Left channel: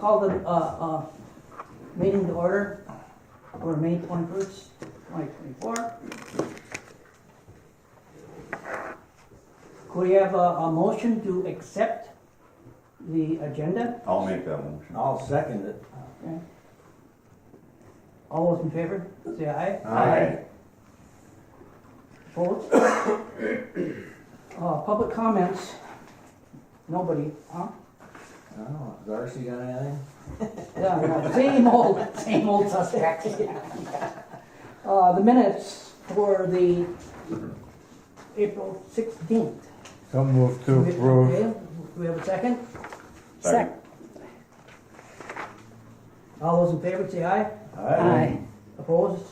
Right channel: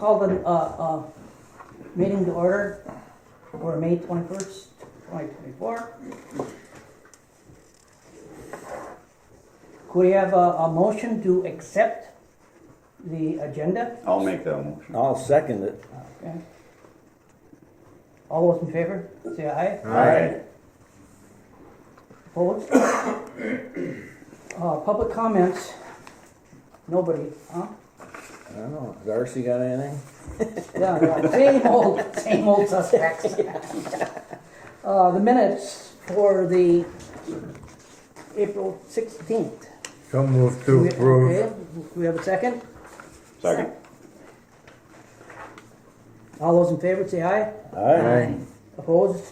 call the meeting to order for May 21st, 2024. Could we have a motion to accept the agenda? I'll make that motion. I'll second it. Okay. All those in favor, say aye. Aye. Opposed? Public comments? Nobody, huh? I don't know, Darcy got anything? Yeah, same old suspects. The minutes for the April 16th. So moved to Okay, approve. do we have a second? Second. All those in favor say aye. Aye. Opposed?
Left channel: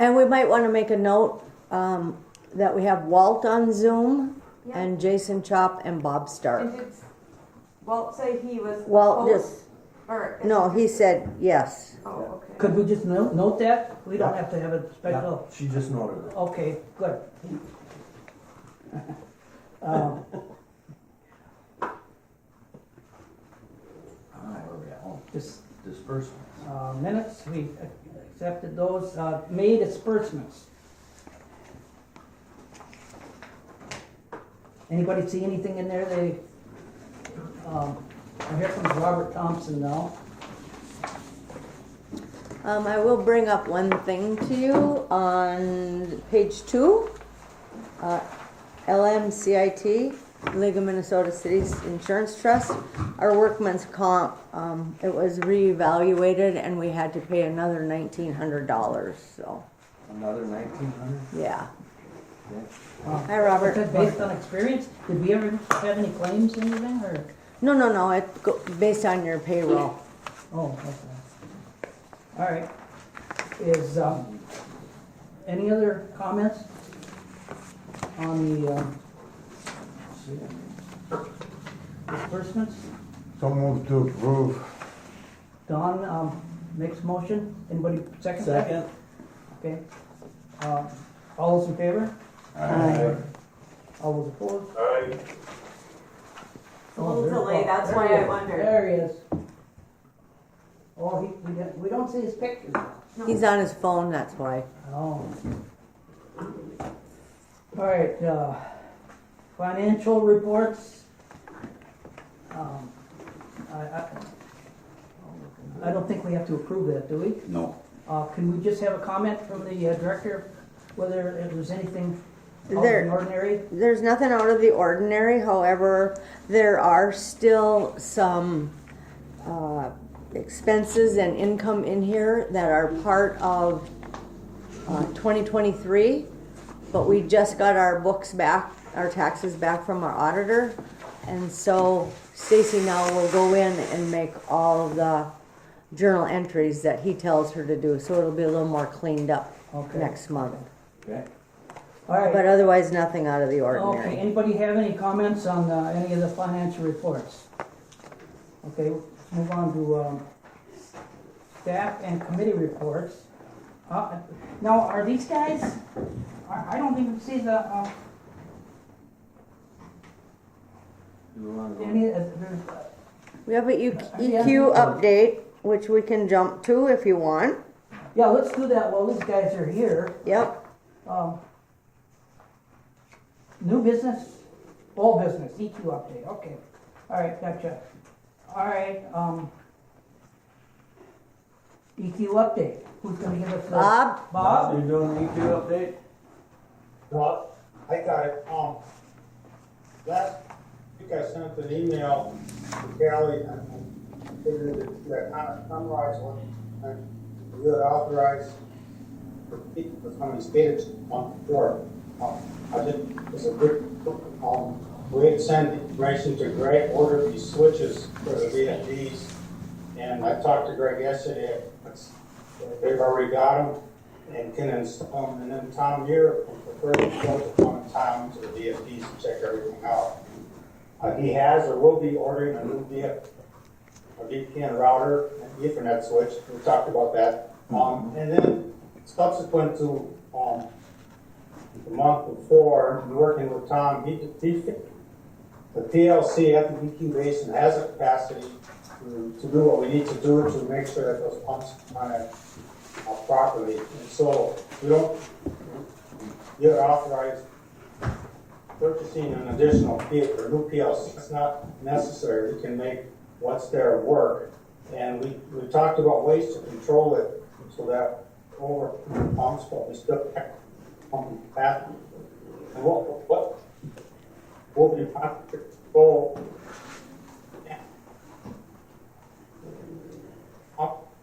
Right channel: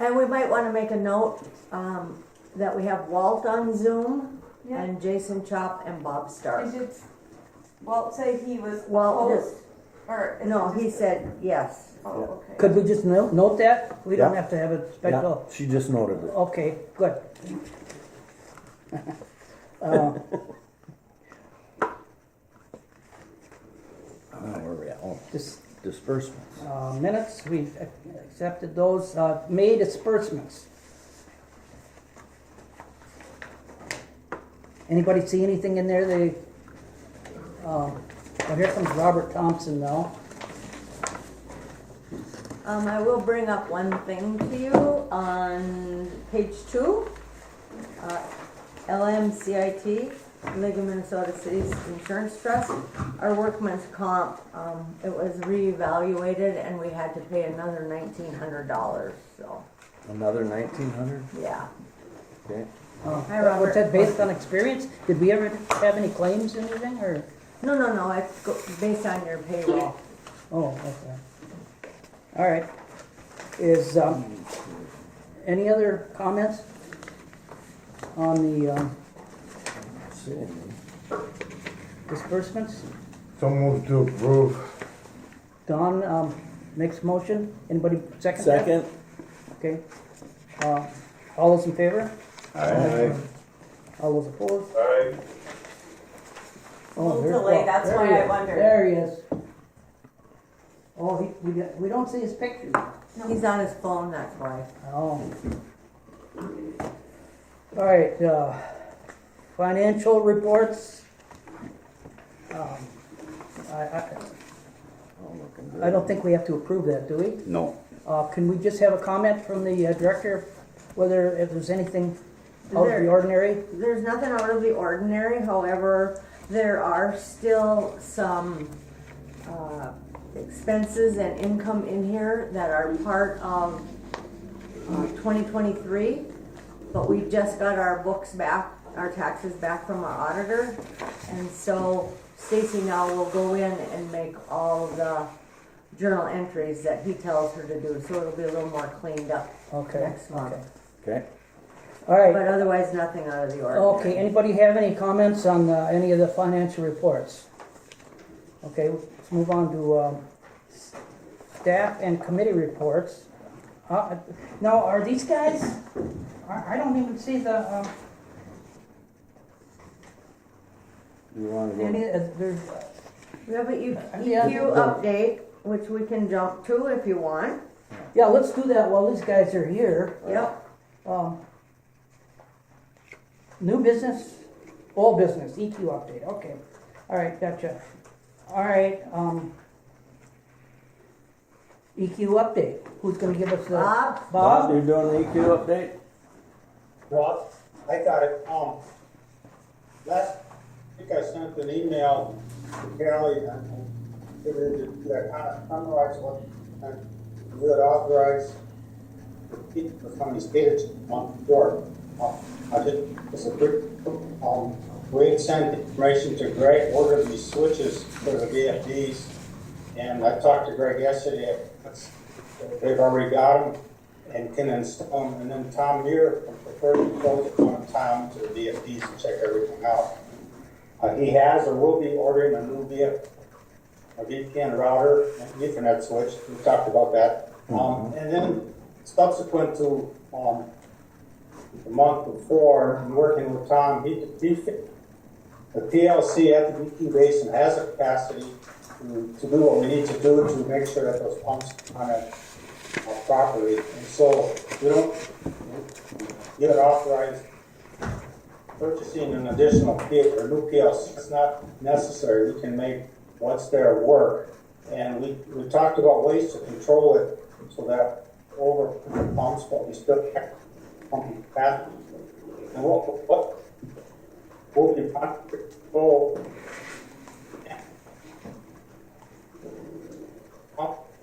And we might want to make a note that we have Walt on Zoom and Jason Chop and Bob Stark. Did Walt say he was Walt opposed? just, Or no, he said yes. Oh, okay. Could we just note that? We don't Yeah. have to have a Yeah, special. she just noted it. Okay, good. Um, Where are we at? Oh, Dis- disbursements. Minutes, we accepted those, May disbursements. Anybody see anything in there well, here comes Robert Thompson now. I will bring up one thing to you on page 2. LMCIT, League of Minnesota Cities Insurance Trust. Our workman's comp, it was reevaluated and we had to pay another $1,900, so, Another 1,900? yeah. Okay. Hi, Robert. Was that based on experience? Did we ever have any claims, anything, or? No, it's based on your payroll. Oh, okay. All right. Is, any other comments on the Let's see. disbursements? So moved to approve. Don, makes a motion. Anybody second that? Second? Okay. All those in favor? Aye. All those opposed? Aye. Oh, there's Delay, Bob. that's There why he I is. wondered. There he is. Oh, we don't see his picture. He's on his phone, that's why. Oh. All right, financial reports. I don't think we have to approve that, do we? No. Can we just have a comment from the director, whether if there's anything out of the There- ordinary? There's nothing out of the ordinary, however, there are still some expenses and income in here that are part of 2023, but we just got our books back, our taxes back from our auditor, and so Stacy now will go in and make all the journal entries that he tells her to do, so it'll be a little more cleaned up Okay. next month. Okay. All right. But otherwise, nothing out of the ordinary. Okay, anybody have any comments on any of the financial reports? Okay, let's move on to staff and committee reports. Now, are these guys, I don't even see the, You wanna go? there's, We have a Yeah. EQ update, which we can jump to if you want. yeah, let's do that while these guys are here. Yep. New business, all business, EQ update, okay. All right, gotcha. All right, EQ update, who's gonna give us the? Bob? Bob, Bob? you're doing the EQ update? Well, I got it. Last week I sent an email to Kelly and that kind of summarized what we would authorize for some of these catered month before. I did, it's a quick, we had sent information to Greg, ordered these switches for the VFDs. And I talked to Greg yesterday, they've already got them and can install them. And then Tom Muir from the 34th to come Tom to the VFDs and check everything out. He has or will be ordering a new VPN router and Ethernet switch. We talked about that. And then subsequent to the month before, and working with Tom, he the PLC at the EQ basin has the capacity to do what we need to do to make sure that those pumps run it properly. And so we don't get authorized purchasing an additional or new PLC. It's not necessary. We can make what's there work. And we talked about ways to control it so that over pumps, but we still have pumping capacity. And what we have to control.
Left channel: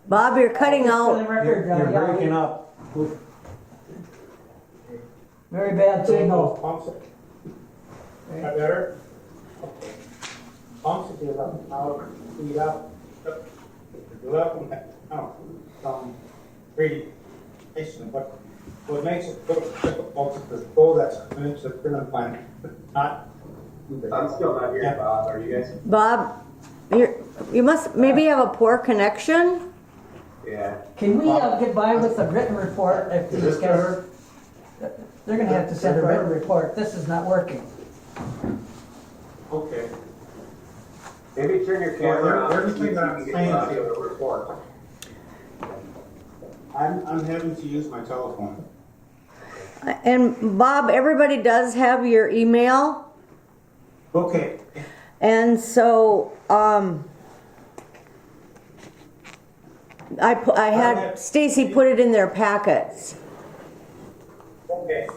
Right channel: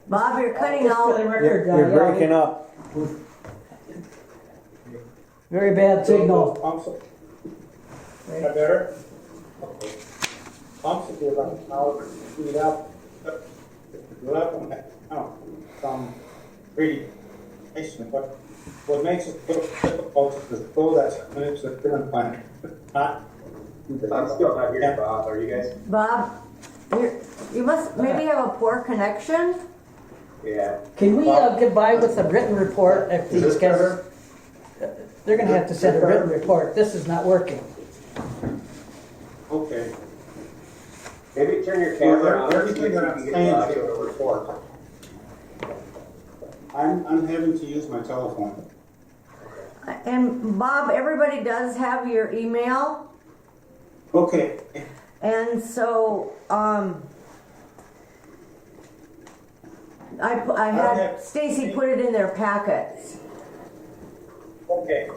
Bob, you're cutting For out. the record, You're yeah, breaking up. Very bad Those signal. pumps, is that better? Okay. Pumps will be about an hour, speed up, go up and down, radiation, but what makes it difficult is the flow that's coming into the treatment plant, not. I'm still not hearing Bob. Are you guys? Bob, you must maybe have a poor connection. Yeah. Can we get by with a written report if Is these this guys, better? they're gonna have to send a written report, this is not working. Okay. Maybe turn your camera on. Everything that I'm so you saying can is get a audio. report. I'm having to use my telephone. And Bob, everybody does have your email. Okay. And so, I had Stacy put it in their packets. Okay.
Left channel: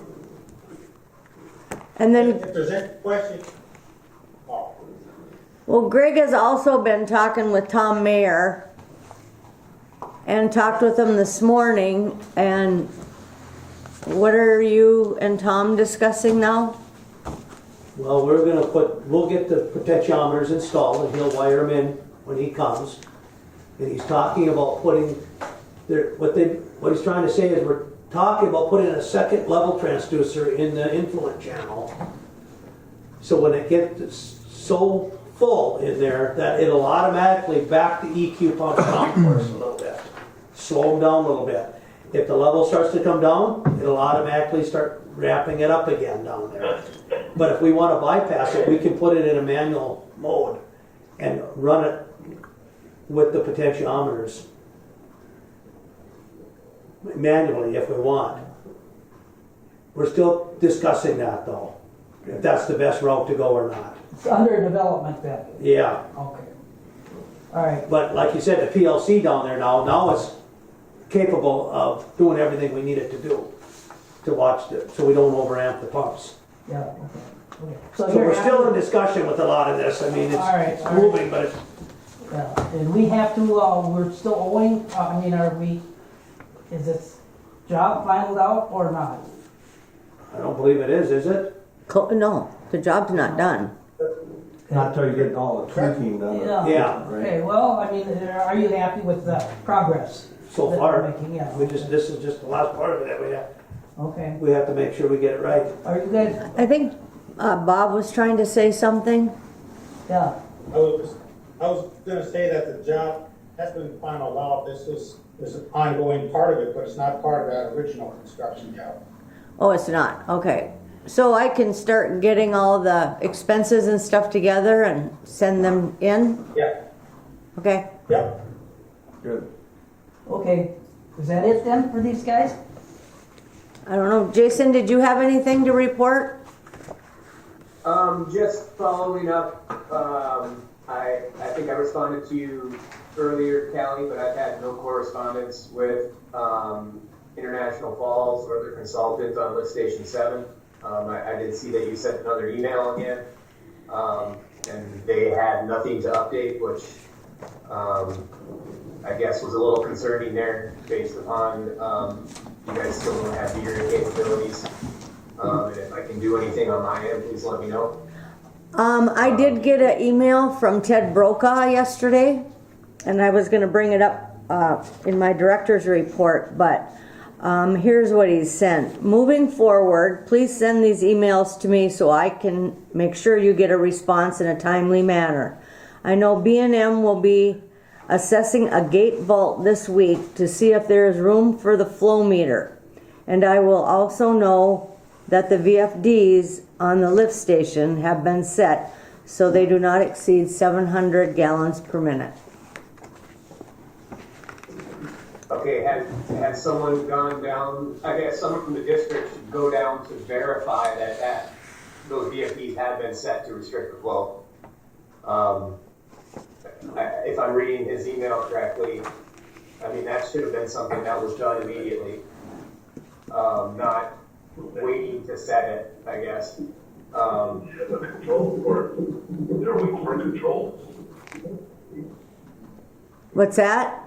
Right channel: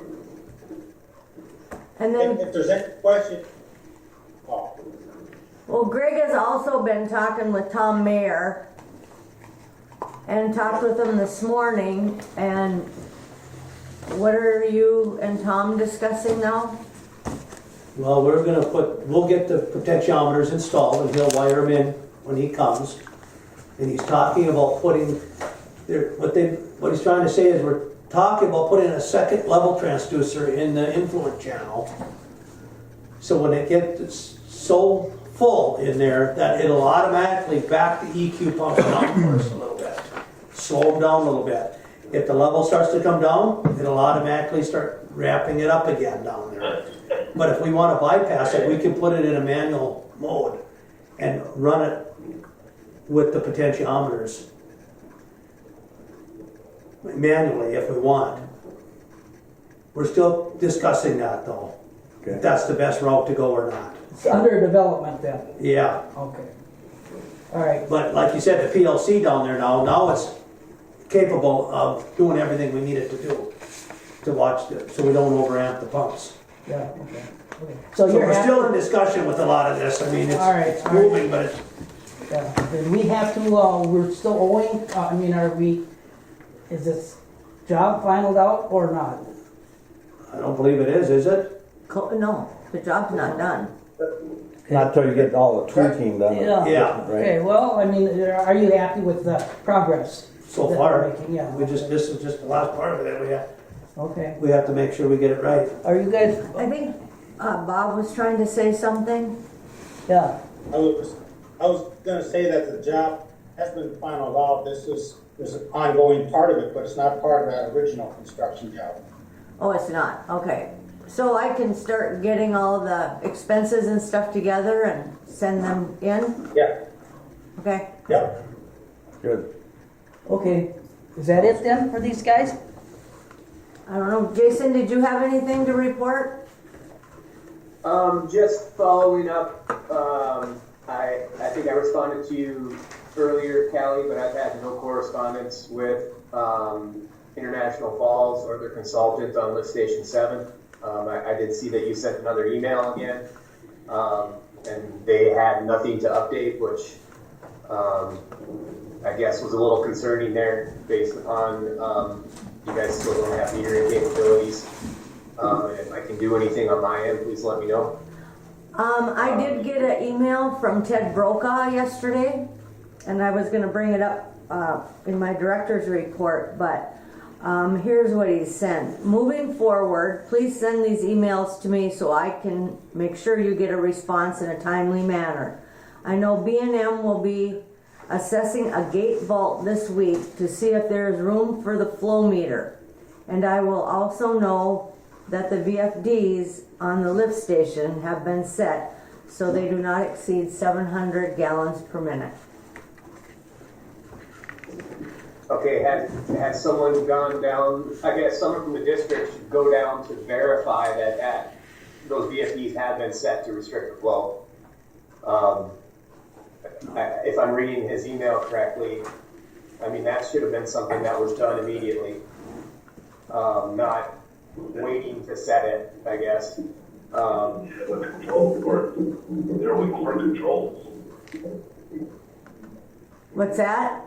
And then, If there's any question, oh, well, Greg has also been talking with Tom Mayer and talked with him this morning. And what are you and Tom discussing now? Well, we'll get the potentiometers installed and he'll wire them in when he comes. And he's talking about putting, what he's trying to say is we're talking about putting a second level transducer in the influent channel. So when it gets so full in there that it'll automatically back the EQ pump down for us a little bit. Slow them down a little bit. If the level starts to come down, it'll automatically start ramping it up again down there. But if we want to bypass it, we can put it in a manual mode and run it with the potentiometers manually if we want. We're still discussing that though, if that's the best route to go or not. It's under development then, Yeah, okay. All right, but like you said, the PLC down there now it's capable of doing everything we need it to do to watch it, so we don't overamp the pumps. yeah, okay. So So you're we're still in happy, discussion with a lot of this. I mean, All right, it's all right. moving, but it's, yeah, and we have to, we're still owing, is this job finalized out or not? I don't believe it is it? No, the job's not done. Not till you get all the tweaking done. Yeah. Okay, well, are you happy with the progress? So far, Yeah, this is just the last part of it. okay. We have to make sure we get it right. Are you guys, I think Bob was trying to say something. yeah, I was gonna say that the job has been final out. This is an ongoing part of it, but it's not part of that original construction job. Oh, it's not, okay. So I can start getting all the expenses and stuff together and send them in? Yeah, Okay, yep. Good. okay. Is that it then for these guys? I don't know. Jason, did you have anything to report? Just following up. I think I responded to you earlier, Callie, but I've had no correspondence with International Falls or their consultant on lift station 7. I did see that you sent another email again, and they had nothing to update, which I guess was a little concerning there based upon you guys still don't have metering capabilities. And if I can do anything on my end, please let me know. I did get an email from Ted Brokaw yesterday, and I was going to bring it up in my director's report, but here's what he sent. Moving forward, please send these emails to me so I can make sure you get a response in a timely manner. I know B&M will be assessing a gate vault this week to see if there is room for the flow meter. And I will also know that the VFDs on the lift station have been set so they do not exceed 700 gallons per minute. Okay, has someone gone down, I guess someone from the district should go down to verify that those VFDs have been set to restrict the flow. If I'm reading his email correctly, I mean, that should have been something that was done immediately. Not waiting to set it, I guess. The control for, they're waiting for controls. What's that?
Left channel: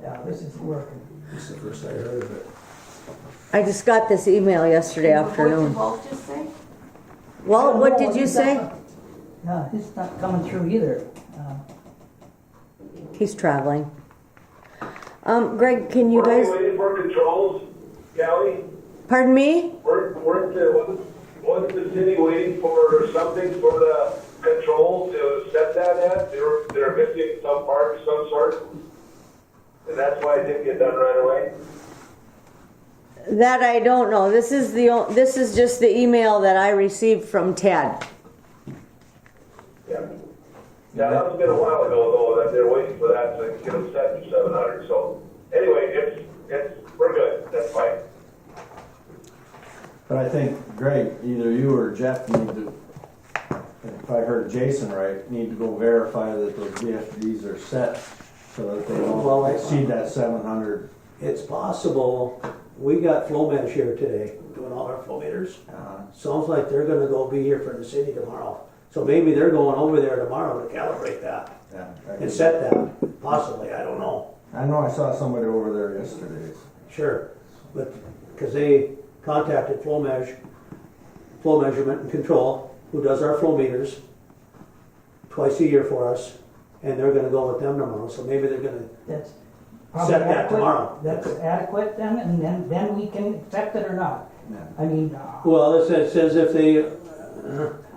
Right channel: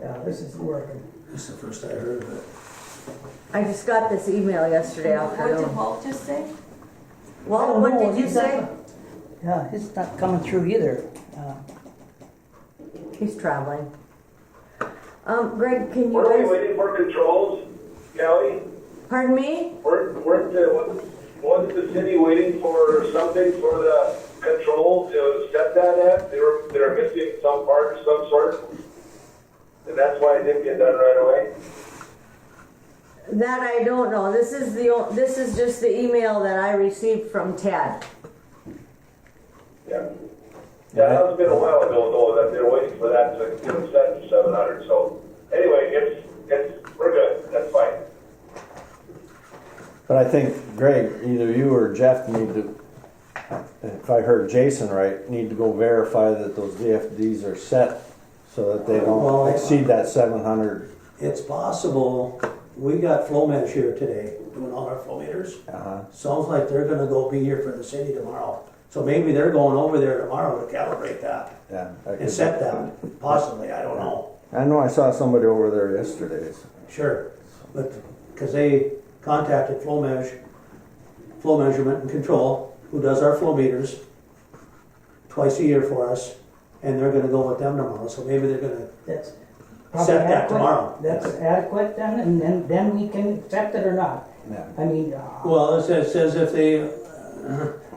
Yeah, this is working. This is the first I heard of it. I just got this email yesterday What did afternoon. Walt just say? Walt, what did you say? Yeah, it's not coming through either. He's traveling. Greg, can you Weren't we guys, waiting for controls, Kelly? pardon me? Wasn't the city waiting for something for the controls to set that at? They're missing some part of some sort. And that's why it didn't get done right away. That I don't know. This is just the email that I received from Ted. Yeah. That has been a while ago though, that they're waiting for that to get them set to 700. So anyway, we're good. That's fine. But I think, Greg, either you or Jeff need to, if I heard Jason right, need to go verify that those VFDs are set so that they Well, don't exceed that 700. It's possible, we got flow mesh here today, doing all our flow meters. Sounds like they're gonna be here from the city tomorrow. So maybe they're going over there tomorrow to calibrate that Yeah. and set that, possibly, I don't know. I know I saw somebody over there yesterday. Sure, but, because they contacted flow measurement and control, who does our flow meters twice a year for us, and they're gonna go with them tomorrow, so maybe they're gonna That's set that adequate. tomorrow. That's adequate then, and then we can accept it or not. Yeah. I mean, Well, it says if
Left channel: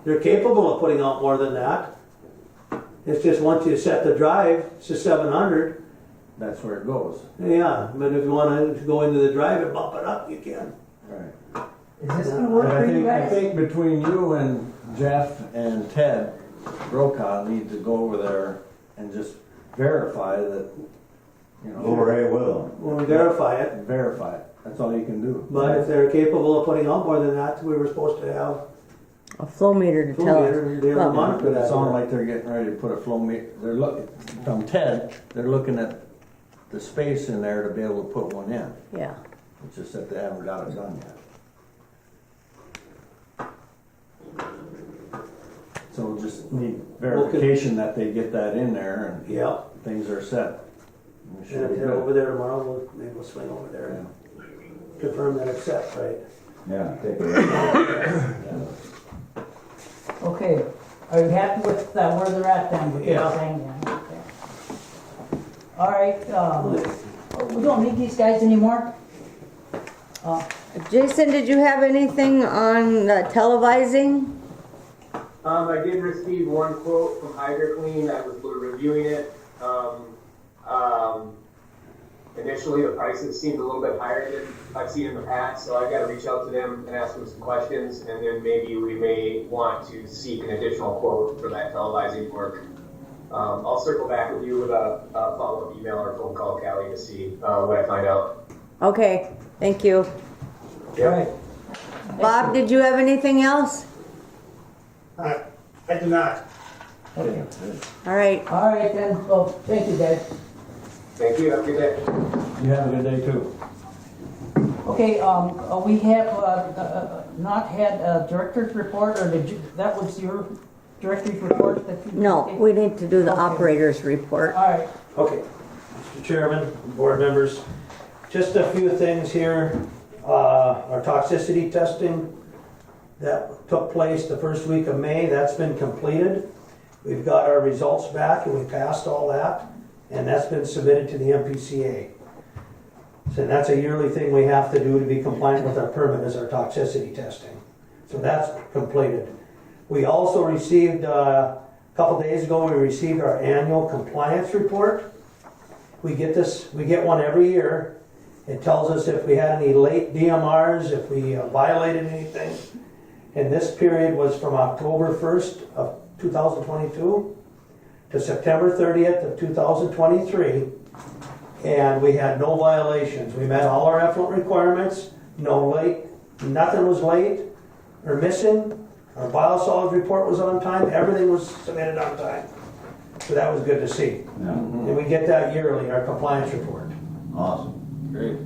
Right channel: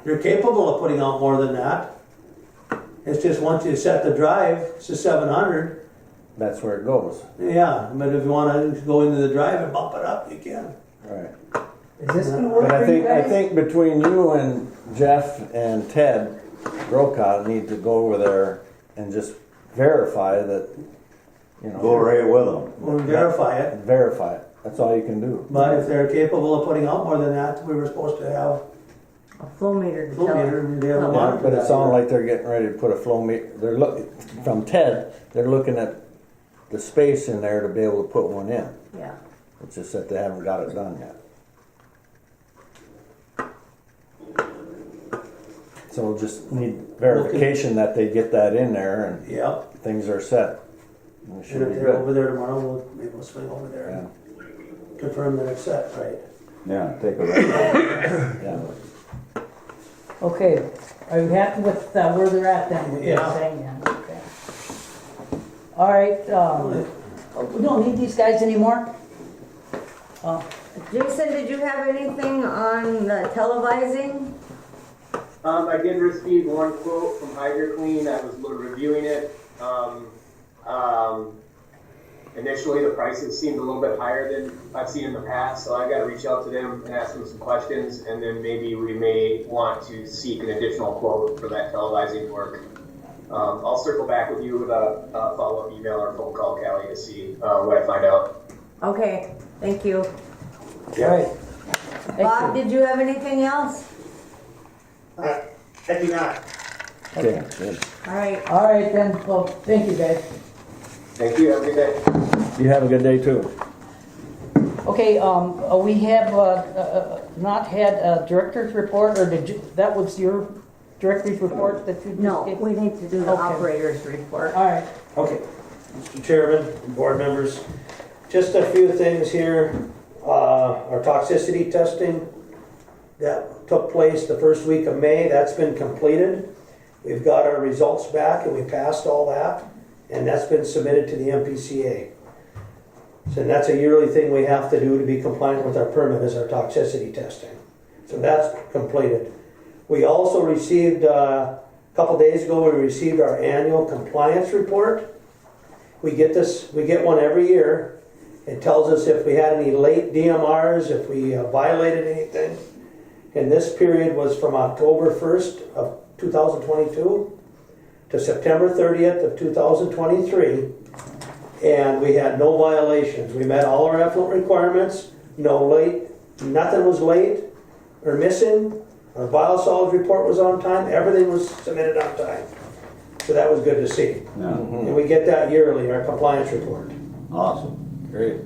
they're capable of putting out more than that. It's just once you set the drive, it's a 700. That's where it goes. Yeah, but if you want to go into the drive and bump it up, you can. Right. is this gonna work But for you I guys? think between you and Jeff and Ted, Brokaw need to go over there and just verify that, you know. Go right with them. Or verify it. Verify it. That's all you can do. But if they're capable of putting out more than that, we were supposed to have A flow meter to flow tell meter us. and be able to Well, monitor But it that. sounded like they're getting ready to put a flow meter. They're looking, from Ted, they're looking at the space in there to be able to put one in. Yeah. It's just that they haven't got it done yet. So just need verification that they get that in there and Yeah, things are set. And we should and be if they're good. over there tomorrow, maybe we'll swing over there and confirm that it's set, right? Yeah, take it right. Yeah. Okay, are you happy with where they're at then? with Yeah. everything? Yeah. Okay. All right, we don't need these guys anymore? Jason, did you have anything on the televising? I did receive one quote from HydroClean. I was reviewing it. Initially, the prices seemed a little bit higher than I've seen in the past, so I've got to reach out to them and ask them some questions, and then maybe we may want to seek an additional quote for that televising work. I'll circle back with you with a follow-up email or phone call, Callie, to see what I find out. Okay, thank you. All right. Bob, did you have anything else? I do not. Okay. All right. All right then, well, thank you guys. Thank you. Have a good day. You have a good day too. Okay, we have not had a director's report, or did you, that was your director's report that you? No, we need to do the Okay. operator's report. All right, Okay, Mr. Chairman, board members, just a few things here. Our toxicity testing that took place the first week of May, that's been completed. We've got our results back and we passed all that, and that's been submitted to the MPCA. So that's a yearly thing we have to do to be compliant with our permit, is our toxicity testing. So that's completed. We also received, a couple days ago, we received our annual compliance report. We get one every year. It tells us if we had any late DMRs, if we violated anything. And this period was from October 1st of 2022 to September 30th of 2023. And we had no violations. We met all our effluent requirements, no late, nothing was late or missing. Our biosolids report was on time, everything was submitted on time. So that was good to see. Yeah, And we get that yearly, our compliance report. awesome. Great.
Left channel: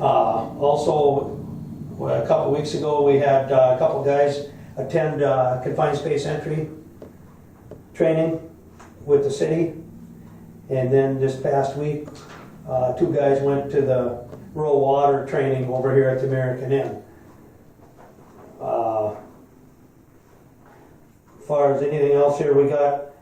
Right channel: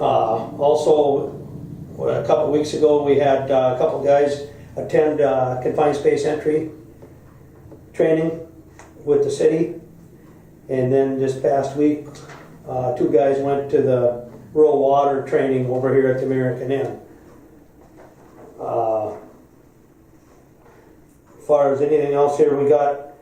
Also, a couple weeks ago, we had a couple guys attend confined space entry training with the city. And then this past week, 2 guys went to the rural water training over here at the American Inn. As far as anything else here, we got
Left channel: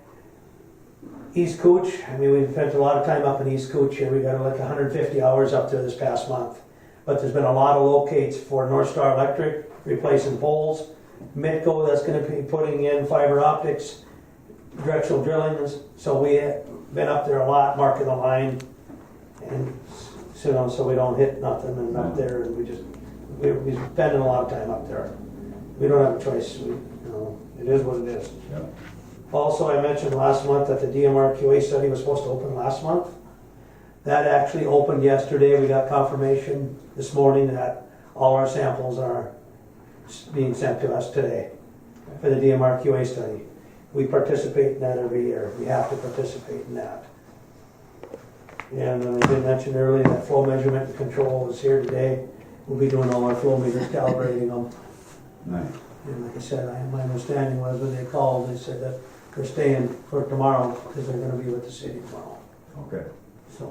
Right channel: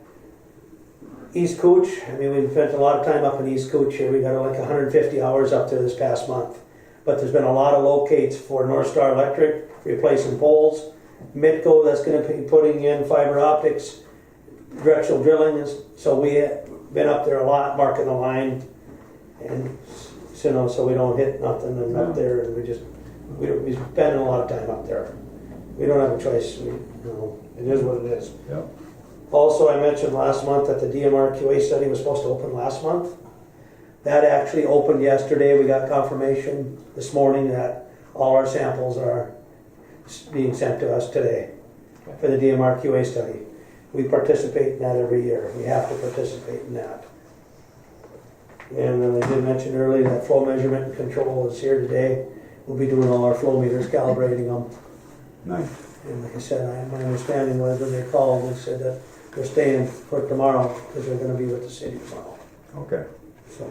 East Cooch. I mean, we've spent a lot of time up in East Cooch here. We got like 150 hours up there this past month. But there's been a lot of locates for North Star Electric, replacing poles. Mitco, that's going to be putting in fiber optics, directional drilling. So we have been up there a lot, marking the line. And so we don't hit nothing and up there. And we're spending a lot of time up there. We don't have a choice. It is what it is. Yeah. Also, I mentioned last month that the DMRQA study was supposed to open last month. That actually opened yesterday. We got confirmation this morning that all our samples are being sent to us today for the DMRQA study. We participate in that every year. We have to participate in that. And I did mention earlier that flow measurement and control is here today. We'll be doing all our flow meters, calibrating them. Nice. And like I said, my understanding was when they called, they said that they're staying for tomorrow because they're going to be with the city tomorrow. Okay. So,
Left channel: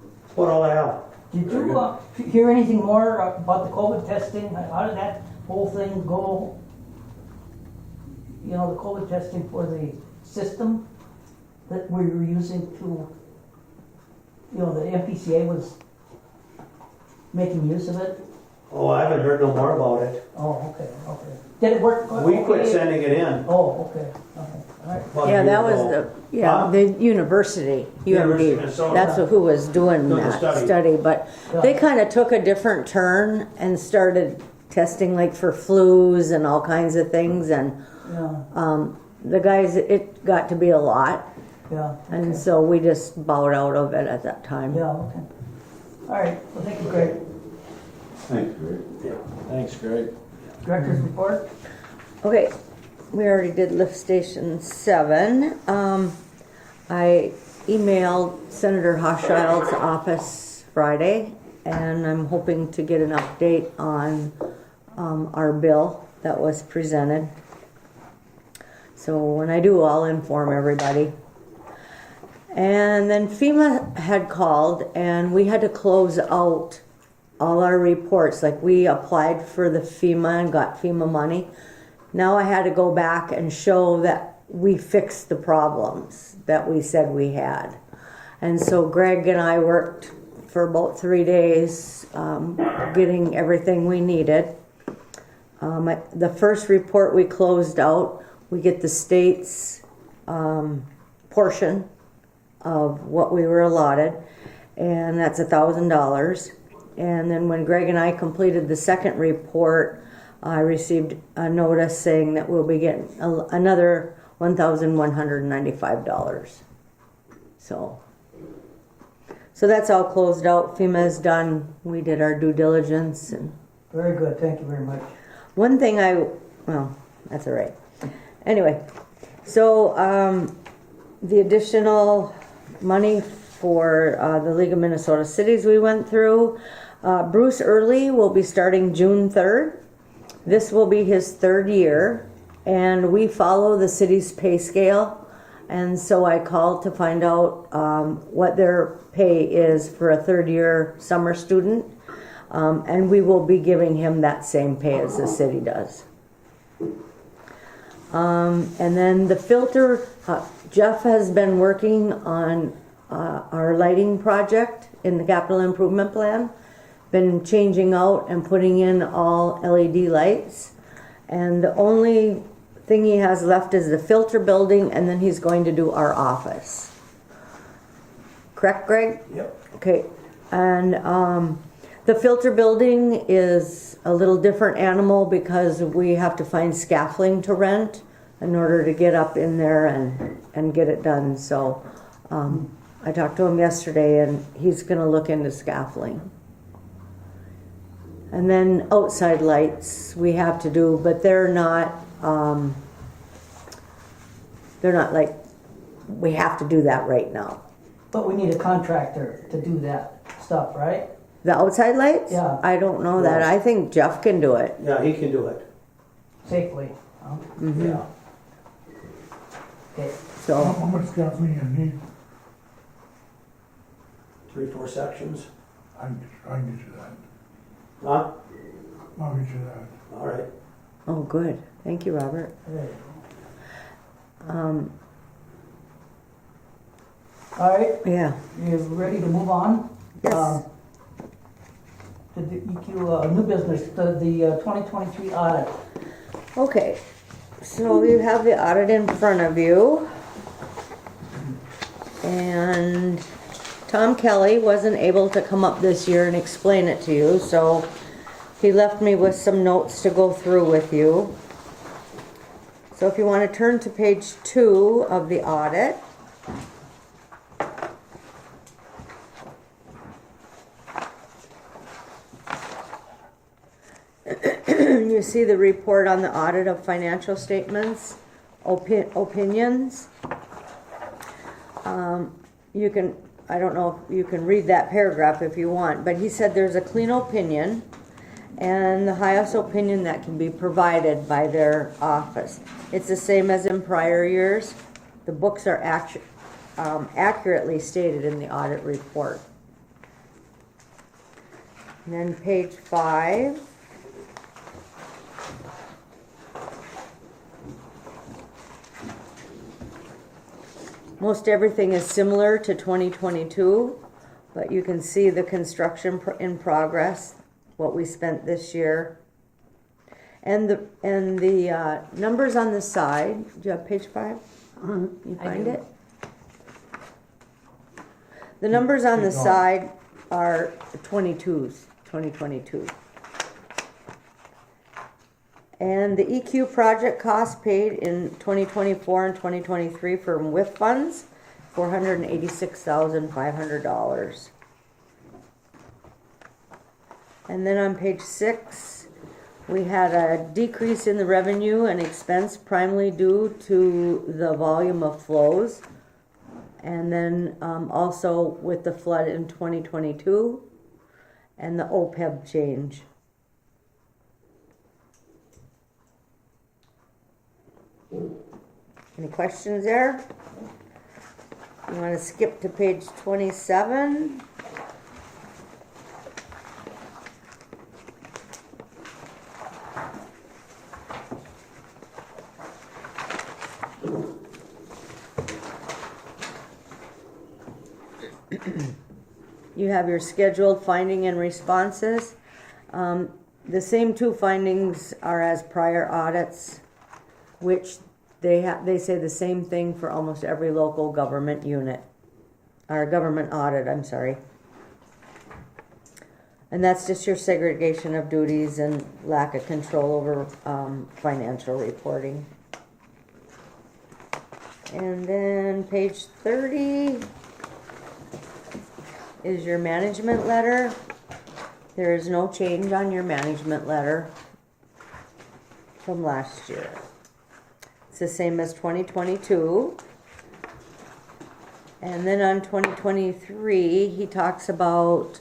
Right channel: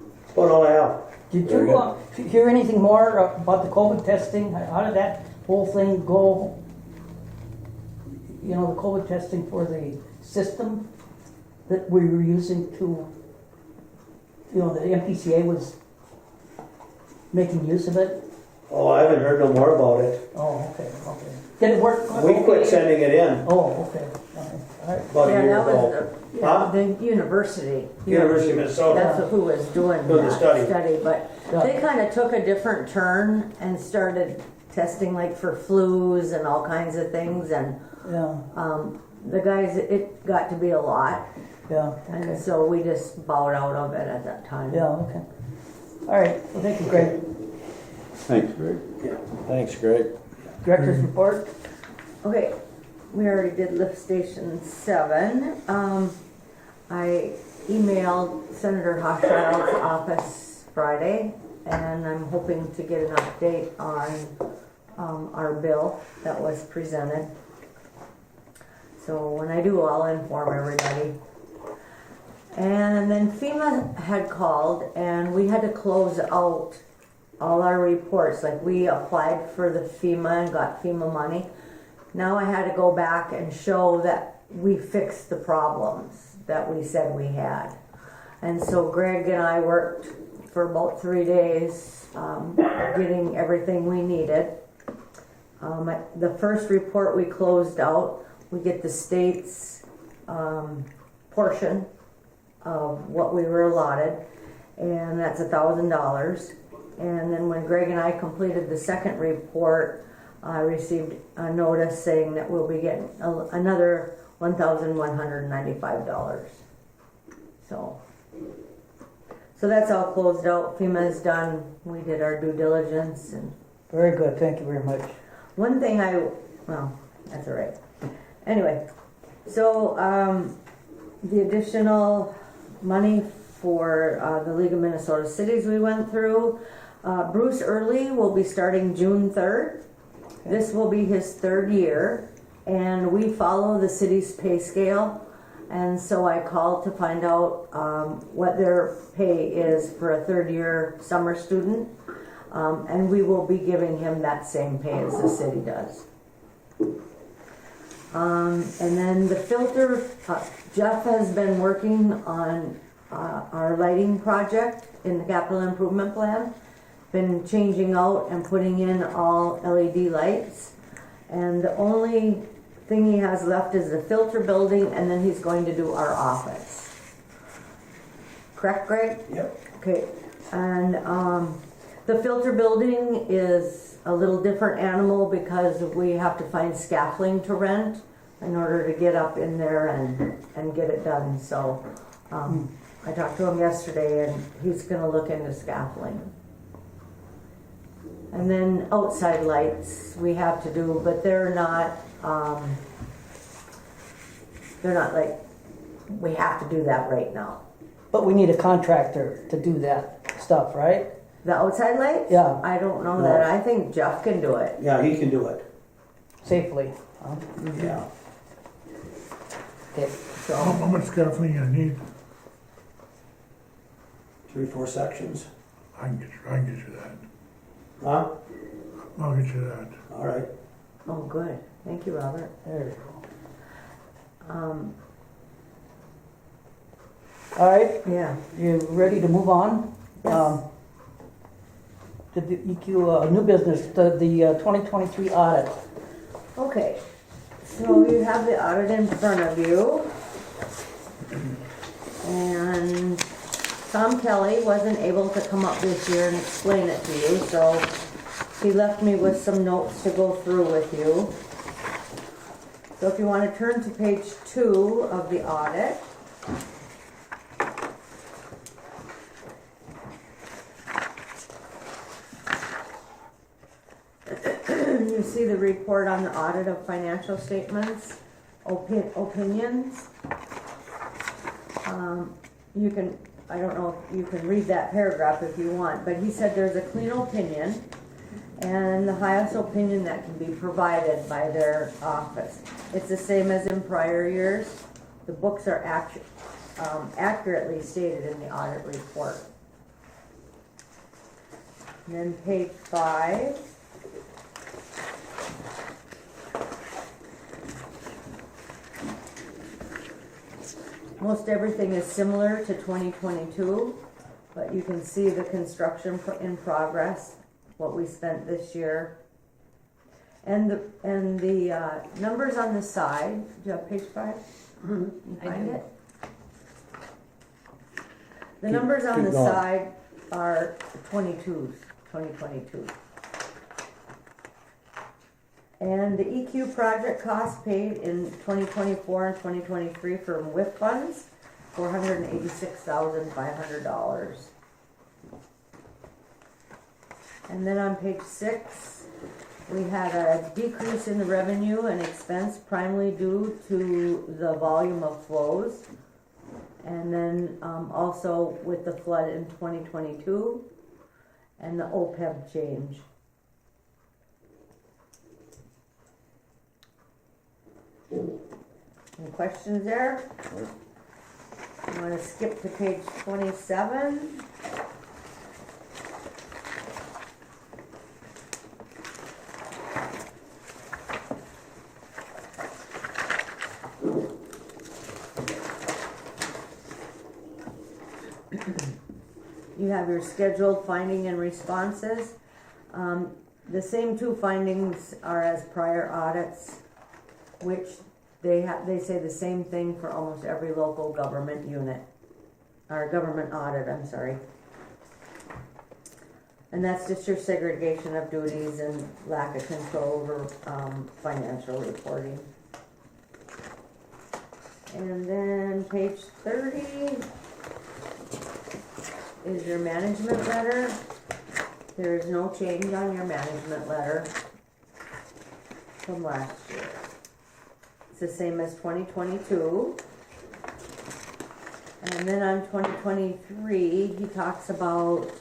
that's about all I have. Did Very you hear anything more about the COVID testing? How did that whole thing go? You know, the COVID testing for the system that we were using to, you know, the MPCA was making use of it? Oh, I haven't heard no more about it. Oh, okay. Did it work? We quit sending it in. Oh, okay, all right. About a Yeah, year that ago. was Huh? the university. University of UMD. Minnesota. That's who was doing Doing the that study. study, but they kind of took a different turn and started testing like for flus and all kinds of things, and Yeah, the guys, it got to be a lot, yeah. and okay. so we just bowed out of it at that time. Yeah, okay. All right, well, thank you, Greg. Thanks, Greg. Thanks, Greg. Director's report? Okay, we already did lift station 7. I emailed Senator Hochschild's office Friday, and I'm hoping to get an update on our bill that was presented. So when I do, I'll inform everybody. And then FEMA had called, and we had to close out all our reports. Like, we applied for the FEMA and got FEMA money. Now I had to go back and show that we fixed the problems that we said we had. And so Greg and I worked for about 3 days getting everything we needed. The first report we closed out, we get the state's portion of what we were allotted, and that's $1,000. And then when Greg and I completed the second report, I received a notice saying that we'll be getting another $1,195. So that's all closed out. FEMA is done. We did our due diligence. And Very good, thank you very much. one thing that's all right. Anyway, so the additional money for the League of Minnesota Cities we went through, Bruce Early will be starting June 3rd. This will be his 3rd year, and we follow the city's pay scale. And so I called to find out what their pay is for a 3rd year summer student, and we will be giving him that same pay as the city does. And then the filter, Jeff has been working on our lighting project in the capital improvement plan, been changing out and putting in all LED lights, and the only thing he has left is the filter building, and then he's going to do our office. Correct, Greg? Yep. Okay, and The filter building is a little different animal because we have to find scaffolding to rent in order to get up in there and get it done. So I talked to him yesterday and he's gonna look into scaffolding. And then outside lights we have to do, but they're not like, we have to do that right now. But we need a contractor to do that stuff, right? The outside lights? Yeah. I don't know that. I think Jeff can do it. Yeah, he can do it. Safely. Huh? Yeah. Okay. So How much scaffolding you need? 3-4 sections. I can get you that. Huh? I'll get you that. All right. oh, good. Thank you, Robert. There you go. All right, Yeah. you ready to move on? Yes. To the EQ, new business, the 2023 audit. Okay. So you have the audit in front of you. And Tom Kelly wasn't able to come up this year and explain it to you, so he left me with some notes to go through with you. So if you want to turn to page 2 of the audit. You see the report on the audit of financial statements, opinions. You can, I don't know, you can read that paragraph if you want, but he said there's a clean opinion and the highest opinion that can be provided by their office. It's the same as in prior years. The books are accurately stated in the audit report. And then page 5. Most everything is similar to 2022, but you can see the construction in progress, what we spent this year. And the numbers on the side, do you have page 5? You find it? The numbers on the side are 2022. And the EQ project cost paid in 2024 and 2023 from WIF funds, $486,500. And then on page 6, we had a decrease in the revenue and expense primarily due to the volume of flows. And then also with the flood in 2022 and the OPEB change. Any questions there? You want to skip to page 27? You have your scheduled finding and responses. The same 2 findings are as prior audits, which they say the same thing for almost every local government unit, or government audit, I'm sorry. And that's just your segregation of duties and lack of control over financial reporting. And then page 30 is your management letter. There is no change on your management letter from last year. It's the same as 2022. And then on 2023, he talks about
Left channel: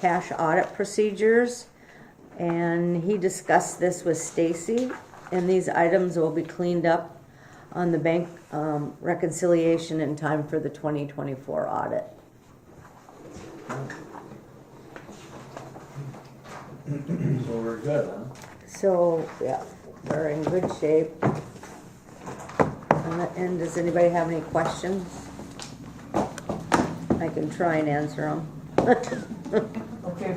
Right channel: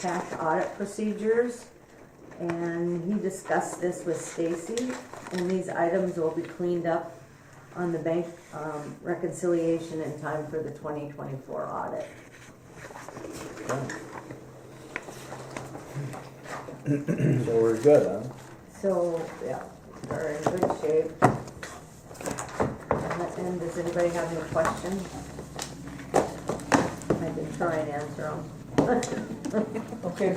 cash audit procedures. And he discussed this with Stacy. And these items will be cleaned up on the bank reconciliation in time for the 2024 audit. So we're good, huh? So, yeah, we're in good shape. And does anybody have any questions? I can try and answer them. Okay,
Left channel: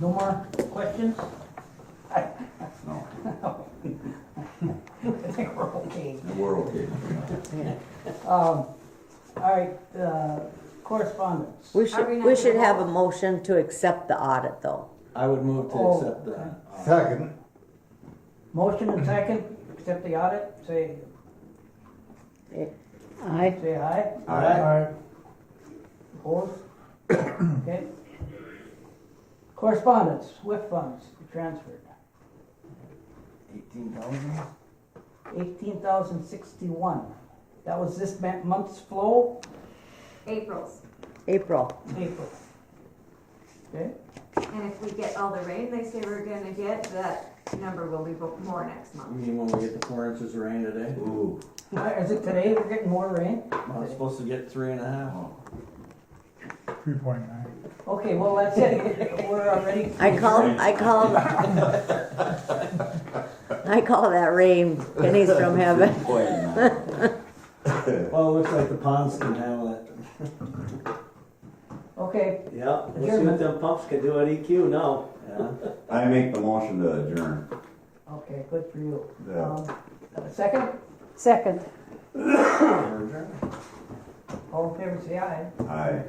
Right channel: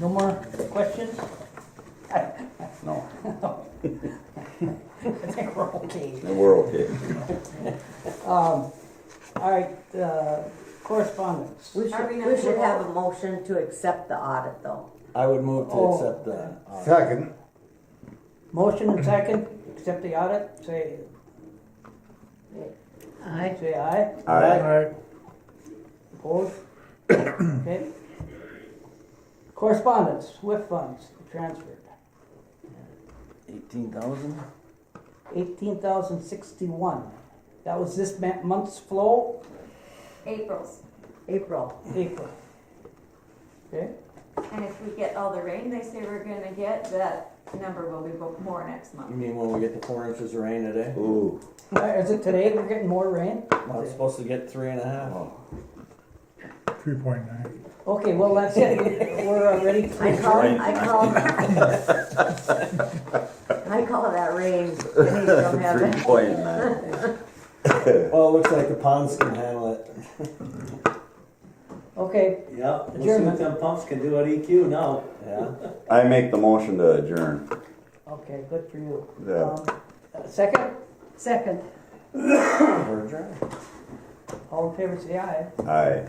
no more questions? No. I think we're okay. We're okay. All right, correspondence. correspondence. We Are we should, not we should gonna have a vote? motion to accept the audit though. I would move to Oh. accept that. Second. Motion and second, accept the audit, say Aye. aye. Aye. Opposed? Okay. Correspondence, SWIFT funds transferred, 18,000? 18,061. That was this month's flow, April's. April. April. Okay, And if we get all the rain they say we're gonna get, that number will be more next You month. mean when we get the 4 inches of rain today? Ooh. is it today we're getting more rain? I'm supposed to get 3.5. 3.9. Okay, well, that's it, we're ready. I call that rain, pennies from heaven. Well, it looks like the ponds can handle it. Okay, Yeah, we'll see what them pumps can do at EQ now. Yeah. I make the motion to adjourn. okay, good for you. Yeah. Second, Second. We're adjourned. all in favor, say aye. Aye.